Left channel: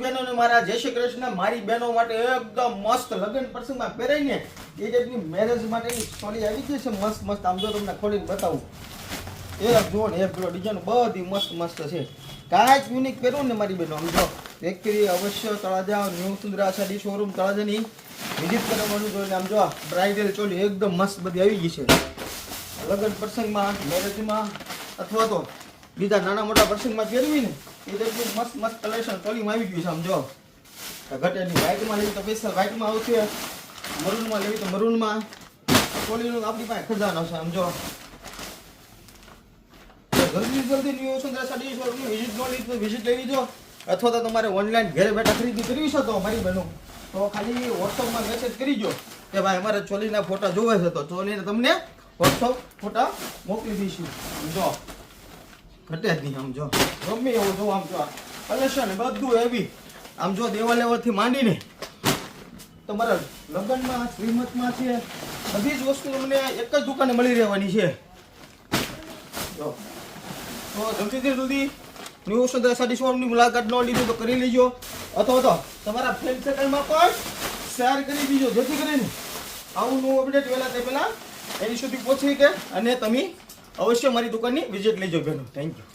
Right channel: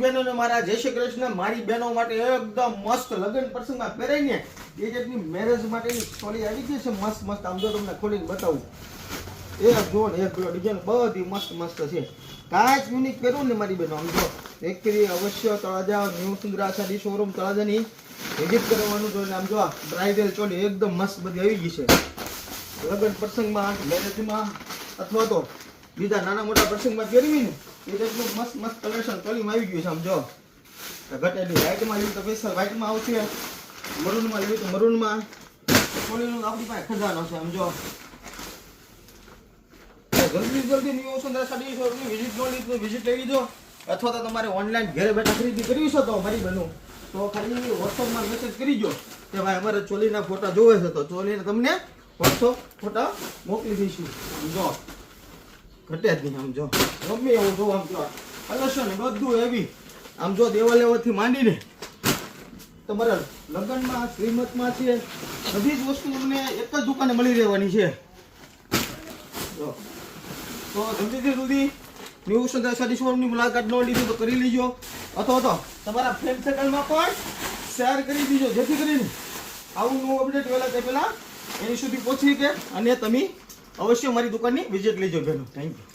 બહેનોને મારા જય શ્રી કૃષ્ણ. મારી બહેનો માટે એકદમ મસ્ત લગ્ન પ્રસંગમાં પહેરાઈને એ જેટલી મેરેજ માટેની ચોલી આવી ગઈ છે મસ્ત મસ્ત. આમ જો તમને ખોલીને બતાવું. એક જોડ એક જોડ ડિઝાઇન બધી મસ્ત મસ્ત છે. કાંઈ યુનિક પહેરો ને મારી બહેનો આમ જો વ્યક્તિ અવશ્ય તળાજા ન્યૂ સુંદરા સાડી શોરૂમ તળાજાની વિઝિટ કરવાનું જોઈને આમ જો બ્રાઇડલ ચોલી એકદમ મસ્ત બધી આવી ગઈ છે. લગ્ન પ્રસંગમાં મેરેજમાં અથવા તો બીજા નાના મોટા પ્રસંગમાં પહેરવી ને એ એકદમ મસ્ત મસ્ત કલેક્શન ચોલીમાં આવી ગયું છે. આમ જો ઘટેલી વ્હાઇટમાં લેવી તો સ્પેશિયલ વ્હાઇટમાં આવશે, મરૂનમાં લેવી તો મરૂનમાં. ચોલીનું આપણી પાસે ખજાનો છે. આમ જો જલ્દી ન્યૂ સુંદરા સાડી શોરૂમની વિઝિટ લઈ લીધો અથવા તો તમારે ઓનલાઈન ઘરે બેઠા ખરીદી કરવી છે તો મારી બહેનો તો ખાલી વોટ્સઅપમાં મેસેજ કરીજો કે ભાઈ અમારે ચોલીના ફોટા જોવે છે તો ચોલીને તમને વોટ્સઅપ ફોટા મોકલી દઈશું. જો ઘટે જ નહીં. આમ જો ગમે એવું જો આમ જો કલેક્શન બધું એવી આમ જો દેવા લેવાથી માંડીને તમારા લગ્નમાં શ્રીમતમાં છે બધી જ વસ્તુ તમને એક જ દુકાને મળી રહેવાની છે. જો તો જલ્દી ન્યૂ સુંદરા સાડી શોરૂમની મુલાકાત ન લીધું તો કરી લેજો અથવા તો તમારા ફ્રેન્ડ સર્કલમાં પણ શેર કરી દીજો જેથી કરીને આવું નવું અપડેટ પહેલાં તે પહેલાં એની સુધી પહોંચી કે અને તમે અવશ્ય મારી દુકાનની વિઝિટ લેજો બહેનો. Thank you.